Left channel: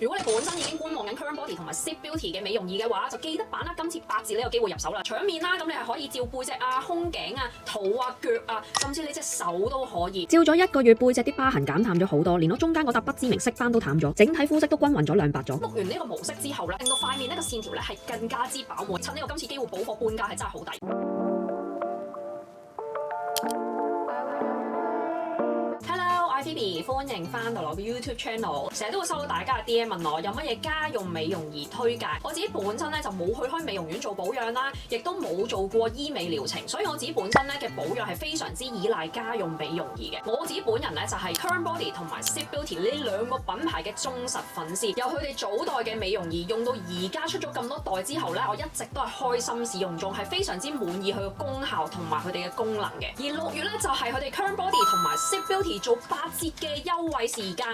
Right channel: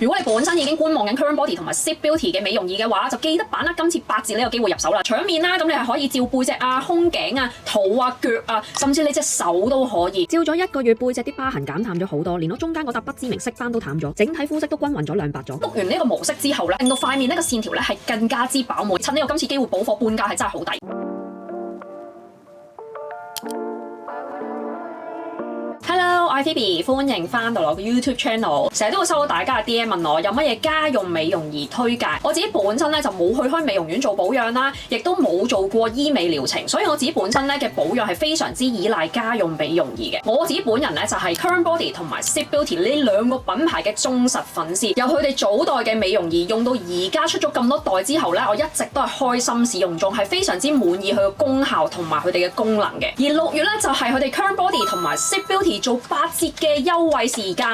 如果你本身已經觀望緊 Current Body 同埋 Zip Beauty 嘅美容儀嘅話，就記得把握今次8折呢個機會入手啦！搶面啦，咁你係可以照背脊啊、胸頸啊、肚啊、腳啊，甚至你隻手都可以。照咗1個月，背脊啲疤痕減淡咗好多，連我中間嗰笪不知名色斑都淡咗，整體膚色都均勻咗亮白咗。碌完呢個模式之後咧，令到塊面呢個線條咧係更加之飽滿。趁呢個今次機會補貨半價係真係好抵。Hello， 我係 Phoebe， 歡迎翻到我嘅 YouTube channel。成日都會收到大家嘅 DM 問我有乜嘢家用美容儀推介。我自己本身咧就冇去開美容院做保養啦，亦都冇做過醫美療程，所以我自己本身咧嘅保養係非常之依賴家用美容儀嘅。我自己本人咧就係 Current Body 同埋 Zip Beauty 呢兩個品牌嘅忠實粉絲，由佢哋早代嘅美容儀用到而家出咗咁多代之後咧，我一直都係開心使用中，係非常之滿意佢嘅功效同埋佢哋嘅功能嘅。而6月咧就係佢哋 Current Body 同埋 Zip Beauty 做8折嘅優惠時間。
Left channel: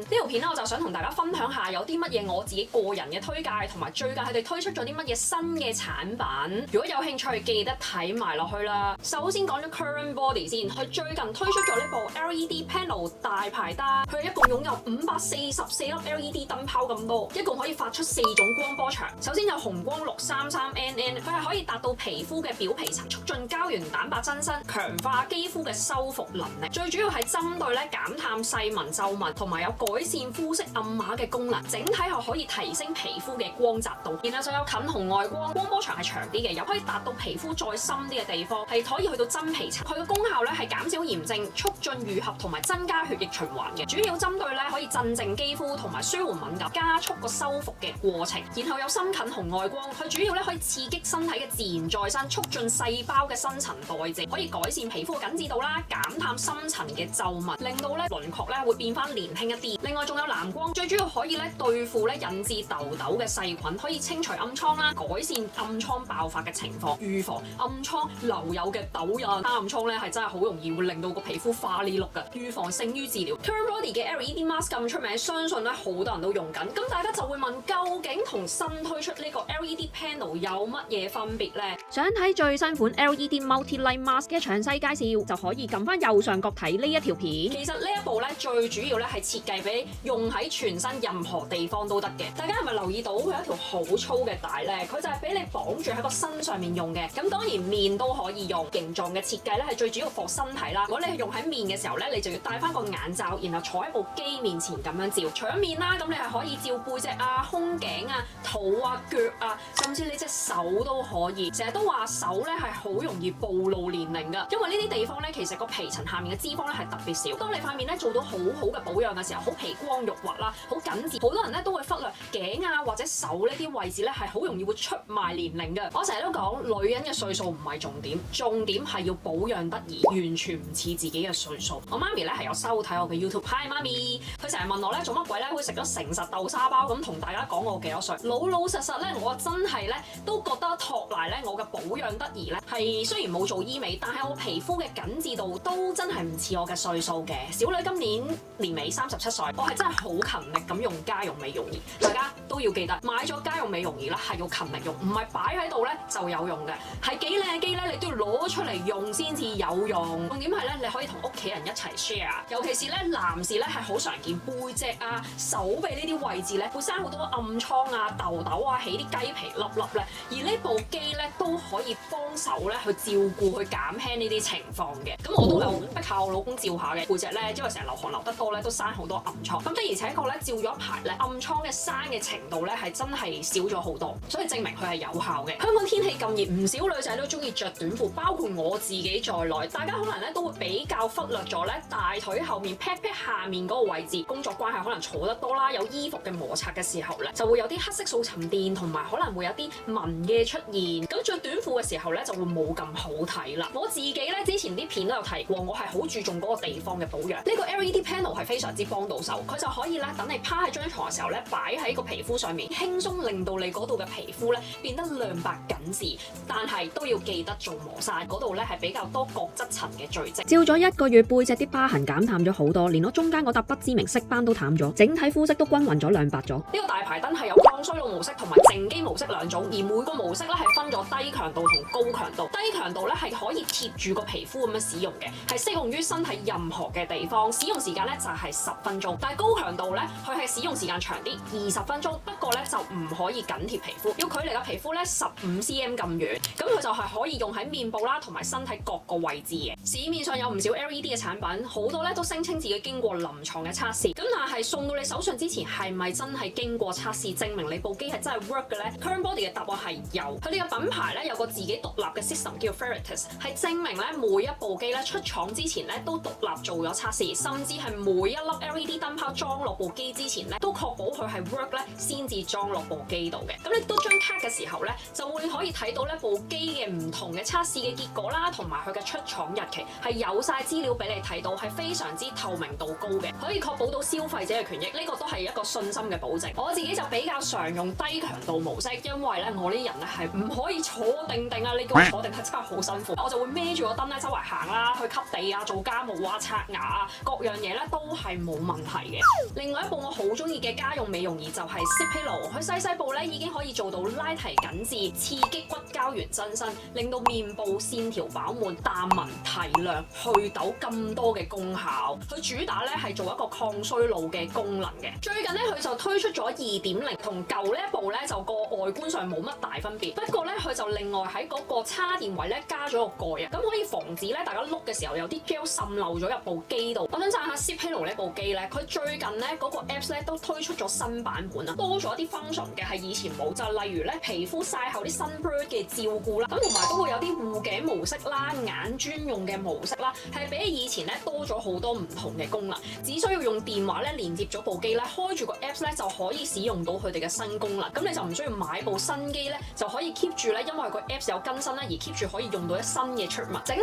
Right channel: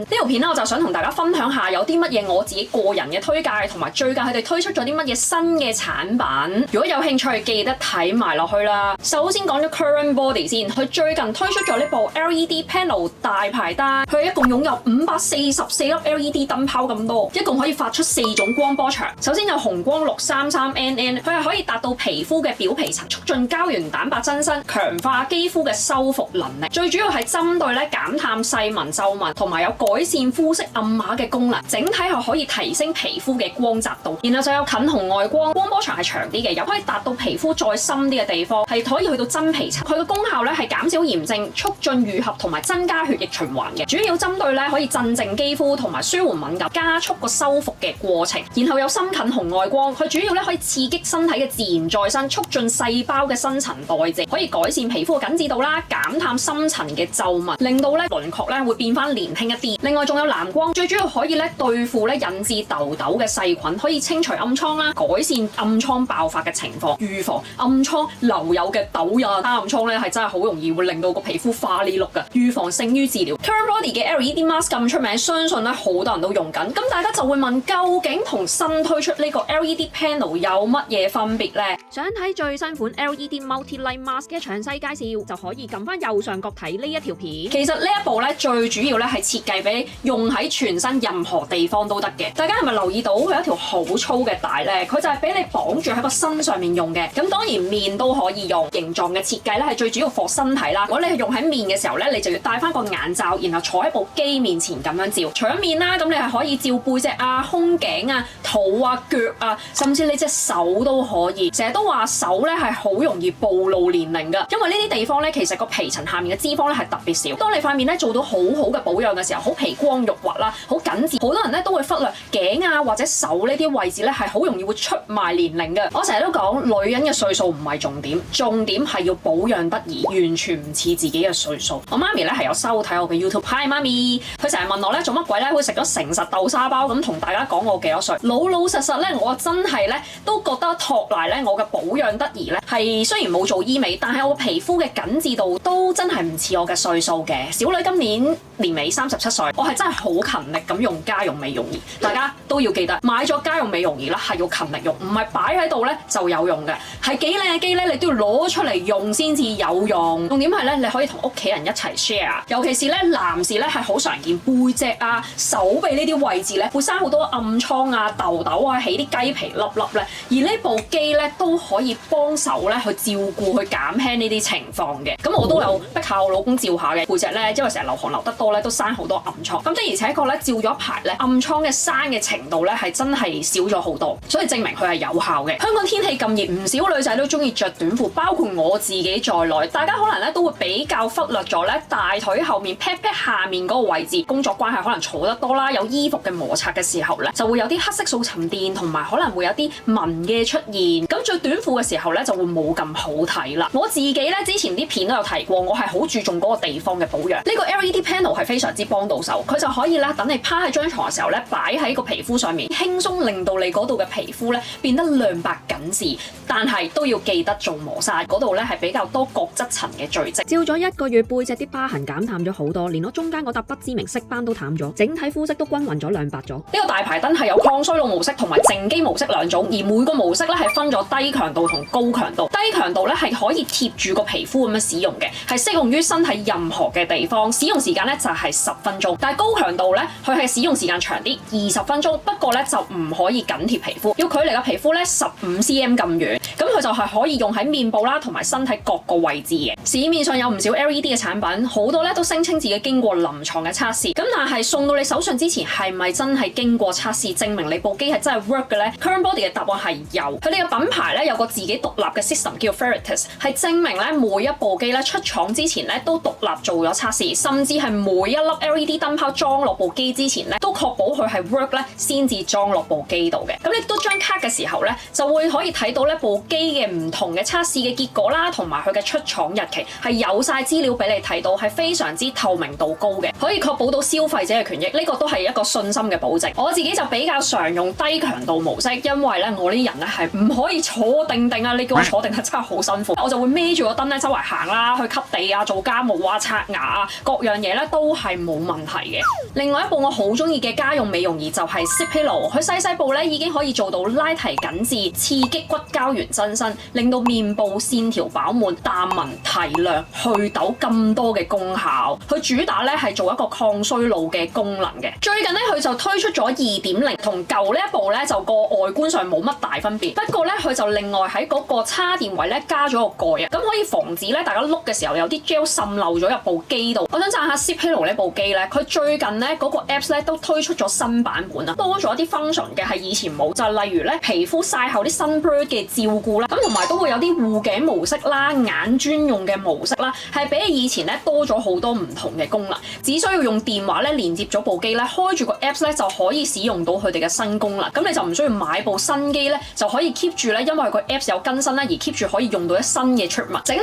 呢條片咧我就想同大家分享下有啲乜嘢我自己個人嘅推介，同埋最近佢哋推出咗啲乜嘢新嘅產品。如果有興趣，記得睇埋落去啦。首先講咗 Current Body 先，佢最近推出咗呢部 LED Panel 大排單，佢一共擁有544粒 LED 燈泡咁多，一共可以發出4種光波長。首先有紅光633NN， 佢係可以達到皮膚嘅表皮層，促進膠原蛋白增生，強化肌膚嘅修復能力。最主要係針對咧減淡細紋皺紋，同埋有改善膚色暗碼嘅功能。整體係可以提升皮膚嘅光澤度。然後就有近紅外光，光波長係長啲嘅，又可以達到皮膚再深啲嘅地方，係可以去到真皮層。佢嘅功效咧係減少炎症，促進愈合同埋增加血液循環嘅。主要針對咧可以鎮靜肌膚同埋舒緩敏感，加速個修復嘅過程。然後有深近紅外光，佢主要咧可以刺激身體嘅自然再生，促進細胞嘅新陳代謝，可以改善皮膚嘅緊緻度啦，減淡深層嘅皺紋，令到咧輪廓咧會變翻年輕一啲。另外仲有藍光，最主要可以咧對付咧引致痘痘嘅細菌，可以清除暗瘡啦，改善暗瘡爆發嘅情況，預防暗瘡留有嘅痘印。暗瘡咧係真係好容易會令到個皮膚花呢碌㗎，預防勝於治療。Current Body 嘅 LED Mask 咁出名，相信咧好多人都用緊。咁大家就會問，究竟同新推出呢個 LED Panel 有乜嘢分別呢？想睇最新款 LED Multi Light Mask 嘅詳細介紹，就可以撳翻右上角睇呢一條片。其實呢一部咧最主要咧係設計俾用喺全身任何地方都得嘅。大家係咪留意到佢有一條好粗嘅帶咧？佢就係俾你綁住喺個身上面用嘅。咁當然面都可以用，形狀嘅設計咧係最主要放身體啦。如果你係用喺面嘅時候咧，你就要戴翻個眼罩，然後坐喺部機面前咁樣照。除咗面啦，咁你係可以照背脊啊、胸頸啊、肚啊、腳啊，甚至你隻手都可以。成日都話手咧係好容易暴露年齡㗎，因為呢啲地方咧其實個皮層下面嘅脂肪咧係特別少。當你塊面咧做到好好嘅保養嘅時候，好皮光肉滑啦，好緊緻，好多人咧都會忽略頸啊或者手呢啲位置咧係好容易會出賣年齡嘅。我成日都講女人嘅歲數唔係重點，重點係要保養得宜，完全唔似自己嘅歲數。我媽咪咧係有收睇我嘅 YouTube。Hi 媽咪，佢成日問我咧做乜鬼咧會食咗誠實豆沙包咁同大家講我幾多歲。老老實實咧，我真係咧都覺得托賴咧我嘅保養得宜咧係雖然冇做醫美，但係我皮膚嘅緊緻度都真係唔似我嘅歲數嘅。小女今年年尾37歲，我係真係好勤力咁用家用美容儀。大家都要記得買咗家用美容儀啦，係要勤力用，唔係擺喺度咧就有用嘅。係幾靚嘅機咧，你都要攞出嚟用先至有用。重點係咧，你可以同屋企人一齊 share， 尤其是咧男士咧係好常見背脊啊、手臂呢啲位置咧會生好多暗瘡啊、痘痘啊，起啲雞皮粒粒咧。而呢部機咧都可以幫手咧去照顧、去減輕呢啲情況嘅。咁我都有逼下我老公照下嘅背脊咧，因為成日流汗流得多咧，都生好多暗瘡。咁的而且確咧，照咗一排咧，暗瘡嘅生嘅程度咧係真係少咗好多，所以證明佢係有效嘅。香港天氣咁熱，唔少女仔都中意着短褲，包括我自己在內。大家可能咧都會比較忽略咗咧大腿後面 pat pat 下面嗰個位置。工作關係可能坐得多啦，有衣服嘅摩擦嘅時候咧，就會有啲黑色素沉澱，同埋可能會有啲紋嘅出現。咁着短褲嘅時候咧就會冇咁好睇啦。我自己咧之前啲片都有提過，我係好注重嗰個地方嘅保養。呢個 LED Panel 係非常之幫到手，佢就可以咧等你趴喺張床嘅時候咧擺喺個皮膚上面，輕鬆令到你嗰度嘅皮膚咧變得亮白緊緻。但係都要記得做磨砂，嗰度咧係比較多角質層嘅聚積。照咗1個月，背脊啲疤痕減淡咗好多，連我中間嗰笪不知名色斑都淡咗，整體膚色都均勻咗亮白咗。呢個大排燈係有抗衰老模式同埋靜肌模式兩種，而每個模式咧係分咗低強度同高強度。低強度咧係可以貼住個皮膚咁樣使用嘅，係適用於身體任何嘅嘅地方，使用時間咧就係10分鐘。但係高強度咧，佢係使用時間長啲，20分鐘。不過咧就唔可以緊貼皮膚，要距離個皮膚咧15cm 咁遠。咁佢就係可以用喺面部啦，同埋身體各個位置嘅。市面上有唔少 LED 嘅產品，好多咧都聲稱自己經過臨床嘅測試。咁但係送到你手上之前，係咪真係經過測試，證明你部機係真係 work 嘅咧？Current Body 嘅答案係有。佢哋嘅品牌咧有個自己獨立嘅 system 叫 Veritas， 係證明咧每一部機咧出廠之前咧都獨立做咗測試，甚至係每一粒 LED 燈泡裝落部機之前咧都確保佢係 work 咧先至裝落部機度嘅。咁你都張卡嘅時候咧就會可以睇到呢部機嘅唔同嘅測試嘅結果啦，同埋佢嘅出廠日期係有晒資料俾你睇到，係非常之透明度高嘅，可以確保到消費者嘅權益。呢個都係一個信心嘅保證。我自己就比較常用低強度模式，因為咧我呢人咧係唔可以坐定定啊！你叫我坐定係真係好辛苦，我就會孭住個燈咧周圍行啦，去吸地啊、做家務啊、刷牙啊，各樣嘢咧都係冇問題嘅。另外一部我好中意嘅家用美容儀就係 Cipillo， 佢細部咧已經可以做到拉提緊緻、刺激骨膠原增生，令到面部線條飽滿、淡紋提亮、去痘咁多嘅功效。佢主打咧係做一個抗衰老嘅功能嘅。最近咧佢就推出咗 2.0， 同舊呢一部咧就個外觀上冇乜大分別，不過咧佢就另外喺嗰個叉電位咧加咗個蓋啊，咁可以防止咧大家碌嘅時候有啲 gel 滲漏咗入部機度。我想讚下 Cipillo 呢部機咧，佢最近咧嗰個 apps 咧都推出咗新版本啊，多咗一啲 function 嘅係以前冇，就係例如咧皮膚曬後啲 sunburn 嘅照顧啦，咁同埋都會有啲護頸模式啦、眼專用嘅模式啦，係比起以前咧多咗好多唔同嘅功能。只需要用電話咧連接咗部機咧，開住個 apps 咧就可以使用到佢哋嘅新功能。咁你就唔需要買部新機咧，就可以 keep 住咧，因為個 apps 有更新咧而 keep 住可以用到一新嘅出物。整體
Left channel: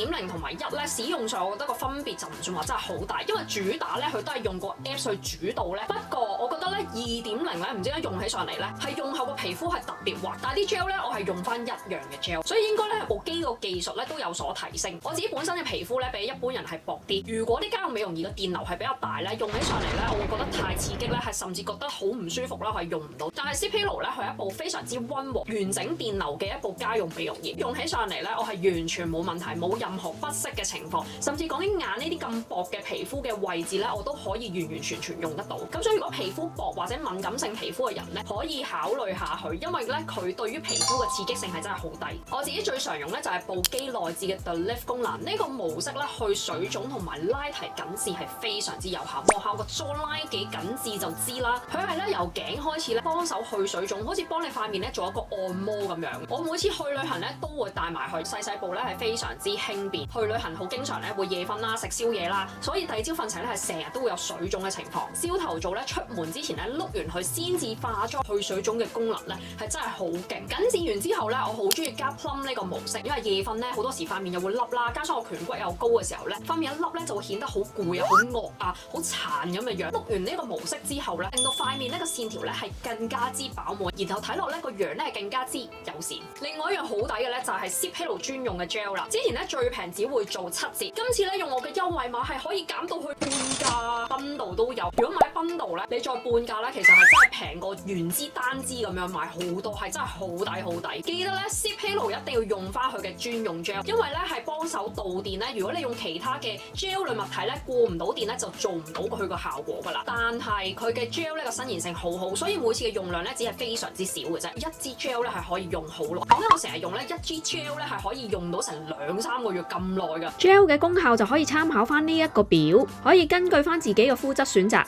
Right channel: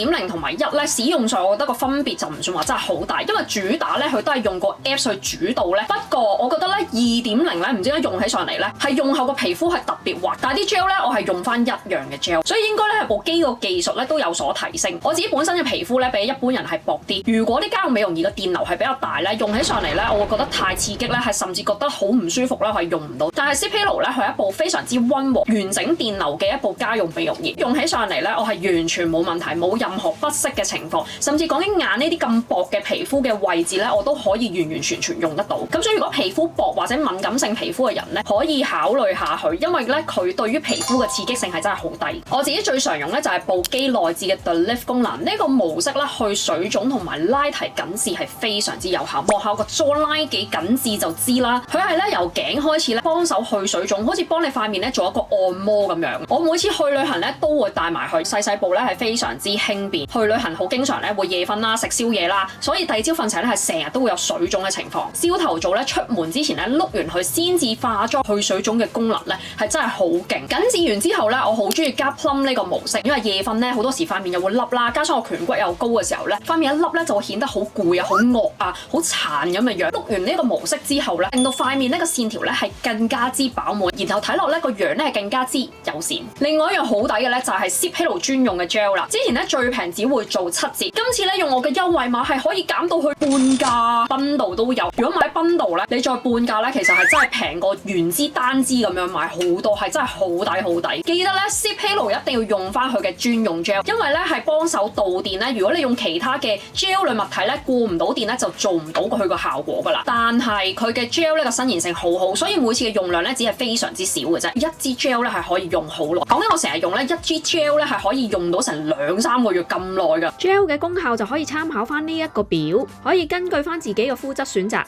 咧2.0同埋1咧使用上，我覺得個分別就唔算話真係好大，因為主打咧佢都係用個 apps 去主導咧。不過我覺得咧2.0咧唔知點解用起上嚟咧係用後個皮膚係特別滑，但係啲 gel 咧我係用翻一樣嘅 gel， 所以應該咧係部機個技術咧都有所提升。我自己本身嘅皮膚咧比一般人係薄啲，如果啲家用美容儀嘅電流係比較大咧，用起上嚟咧我會覺得太刺激咧，係甚至覺得好唔舒服啦，係用唔到。但係 Cipillo 咧佢係一部非常之溫和、完整電流嘅一部家用美容儀，用起上嚟咧我係完全冇問題，冇任何不適嘅情況，甚至講緊眼呢啲咁薄嘅皮膚嘅位置咧，我都可以完全用得到。咁所以如果皮膚薄或者敏感性皮膚嘅人咧，可以考慮下佢，因為咧佢對於皮膚嘅刺激性係真係好低。我自己最常用咧就係部機內置嘅 The Lift 功能，呢個模式咧去水腫同埋拉提緊緻係非常之有效。望下個 jawline 幾緊緻就知啦。佢係咧由頸開始咧幫手去水腫，好似幫你塊面咧做一個按摩咁樣。我每次去旅行咧都會帶埋去，細部咧係非常之輕便。去旅行好經常咧會夜瞓啦、食宵夜啦，所以第二朝瞓醒咧係成日都會有水腫嘅情況。朝頭早咧出門之前咧碌完佢先至化妝，去水腫嘅功能咧係真係好勁。緊緻完之後咧，我好中意加 plum 呢個模式，因為夜瞓咧好多時塊面又會凹啦，加上我顴骨又高嘅時候咧，塊面一凹咧就會顯得好攰啊、好惡啊、好殘咁嘅樣。碌完呢個模式之後咧，令到塊面呢個線條咧係更加之飽滿，然後睇落咧個樣咧係更加之友善。另外一樣好抵嘅咧就係 Cipillo 專用嘅 gel 啦。之前咧最平只會做7折，今次咧用我嘅優惠碼係可以減到去半價，bundle都有。如果買 bundle 咧，你再半價咧，其實係真係平過原支單支咁樣買好多，係真係好抵好抵。記得咧 Cipillo 一定要用翻佢嘅專用 gel， 因為咧係幫手導電咧。如果你用其他嘅 gel 類物體咧，過唔到電咧就做唔到佢個效果噶啦。但係佢嘅 gel 呢個伸延性好好，所以每次嘅用量咧只係非常之少嘅啫。一支 gel 咧係可以用好耐。講緊我成日用咧一支 gel 咧係可以用到成2-3個月咁耐㗎。gel 嘅功效就可以參考翻呢一個表，可以根據翻自己嘅膚質選擇。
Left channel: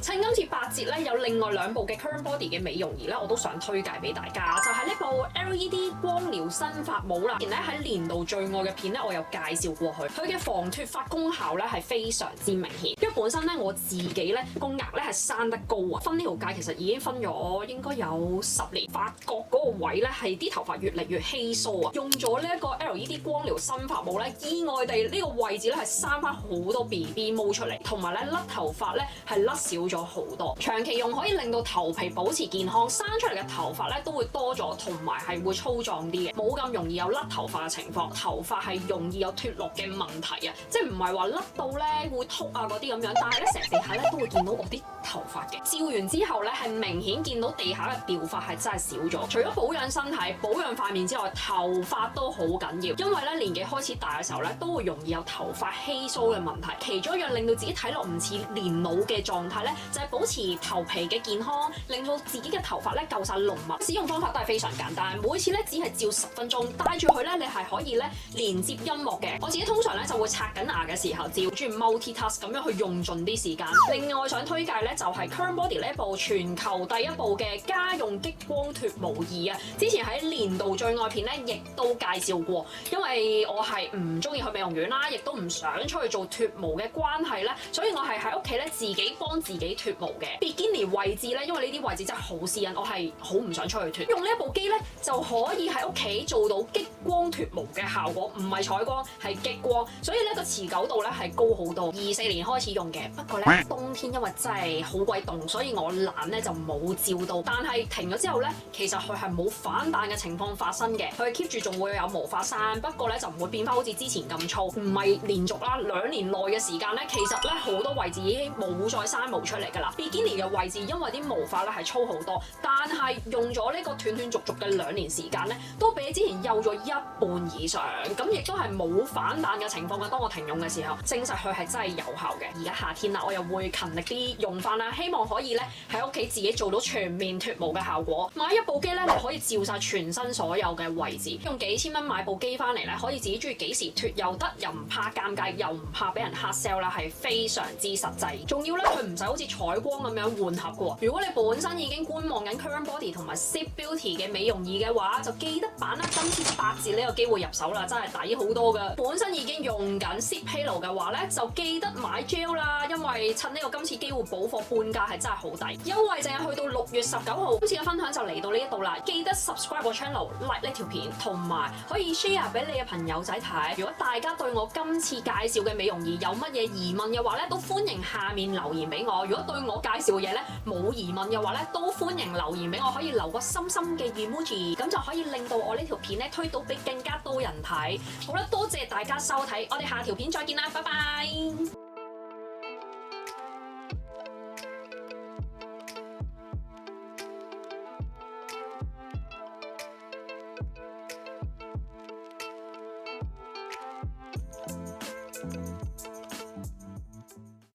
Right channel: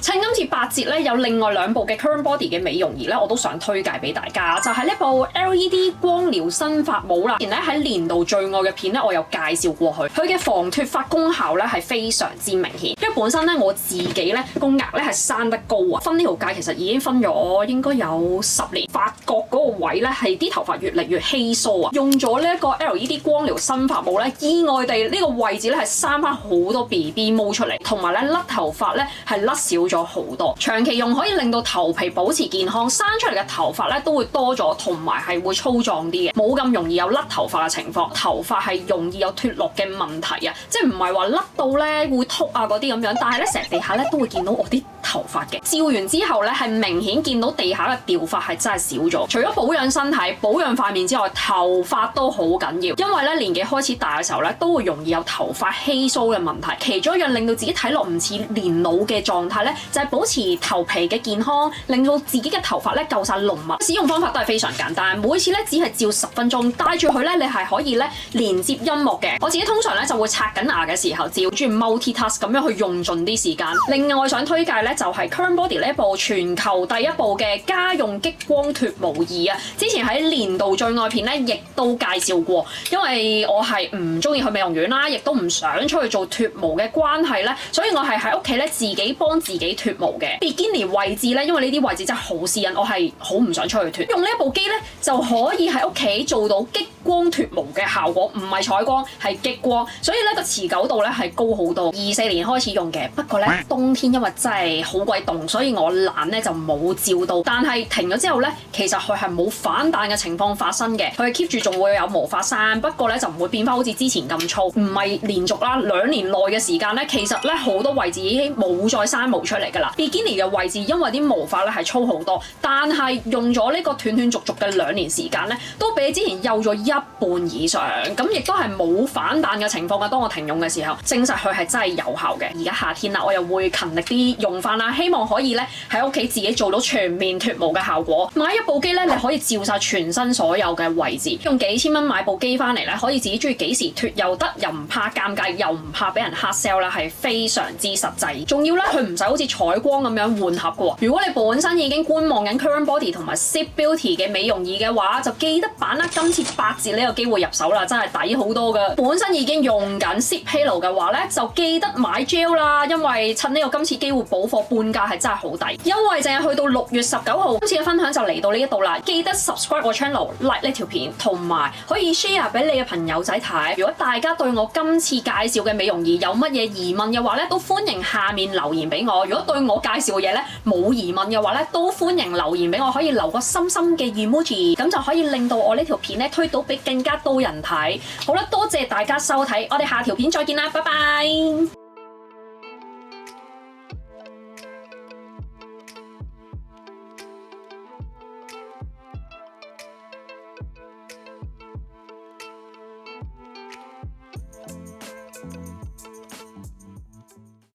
趁今次8折咧，有另外2部嘅 Current Body 嘅美容儀咧，我都想推介俾大家，就係呢部 LED 光療新髮帽啦。之前咧喺年度最愛嘅片咧，我有介紹過佢嘅防脫髮功效咧係非常之明顯。因為本身咧我自己咧個額咧係生得高啊，分呢條界其實已經分咗應該有10年，髮角嗰個位咧係啲頭髮越嚟越稀疏啊。用咗呢一個 LED 光療新髮帽咧，意外地呢個位置咧係生翻好多 BB 毛出嚟，同埋咧甩頭髮咧係甩少咗好多。長期用可以令到頭皮保持健康，生出嚟嘅頭髮咧都會多咗，同埋係會粗壯啲嘅，冇咁容易有甩頭髮嘅情況。頭髮係容易有脫落嘅問題啊，即係唔係話甩到咧會禿啊嗰啲咁樣，但係咧成地下咧都會見到我啲頭髮嘅。照完之後咧，係明顯見到地下嘅掉髮係真係少咗。除咗保養身體、保養塊面之外，頭髮都好緊要。因為咧年紀開始大嘅時候咧，都會容易有頭髮稀疏嘅問題。其中一樣令到自己睇落唔似年老嘅狀態咧，就係保持頭皮嘅健康，令到自己嘅頭髮咧夠晒濃密。使用方法都係非常簡單，每次咧只係照10分鐘，帶住佢咧，你係可以咧連接音樂嘅。我自己通常咧就會刷緊牙嘅時候照，中意 multitask 咁樣去用盡啲時間。另外想推介咧就係 Current Body 呢一部全球第一部嘅家用激光脫毛儀啊！之前喺年度最愛片咧亦都介紹過，因為我係唔中意去美容院啦，亦都唔想出去做脫毛嘅關係咧，所以我係喺屋企咧自己幫自己脫毛嘅。Bikini 位置咧，因為呢啲位置真係好私隱，我係好唔想出去脫。用呢一部機咧就可以喺屋企做到激光脫毛嘅效果，唔係採光，係激光，所以咧個持久度咧係高好多。24年開始用嘅，不過咧冬天因為真係好鬼凍，所以我懶咧就冇照到。但係停咗之後咧，其實佢係冇反彈嘅情況發生嘅，佢 keep 住仲會有毛髮生，不過咧就唔會變翻好似之前咁粗。唔係連續啦，2年內嘅時間咧，其實咧好多位置已經冇再生毛出嚟㗎啦。Bikini 嘅位置因為啲毛髮咧係粗好多，但係用咗呢個斷斷續續嘅2年時間咧，都比之前幼咗1半以上，咁亦都係冇反彈嘅情況嘅。當我停用嘅時候，證實佢係真係有效嘅。而家夏天啦，我又會勤力啲用翻啦，希望可以咧喺屋企自己做到全面脫毛嘅效果。買一部機咧，你可以照晒全身所有嘅位置，用幾千蚊買部機翻嚟咧，可以自己中意幾時脫又得，又唔怕尷尬，又唔怕俾人黑 sell 啦，係非常之實際。仲要咧，佢唔使好似採光咁樣換盒嘅喎。如果你本身已經觀望緊 Current Body 同埋 Zip Beauty 嘅美容儀嘅話，就記得把握今次8折呢個機會入手啦，真係抵好多㗎。本身已經用緊 Zip Halo 嘅話咧，就記得買 gel 啦，因為趁呢個今次機會補貨半價係真係好抵。因為淨係去到6月19號，今次嘅分享就嚟到呢一度啦。記得 subscribe 我 channel、like 呢條片，同埋可以 share 俾你嘅朋友仔睇。如果大家對我今次介紹嘅美容儀有乜嘢疑問嘅話咧，都歡迎下面留言俾我。如果對我介紹嘅嘢咧冇疑問嘅話咧，都歡迎留言俾我，可以留個心心嘅 emoji，咁就可以令到我呢條片咧推到俾更加多人睇。好啦，多謝大家收睇，我哋下條片再見啦，拜拜。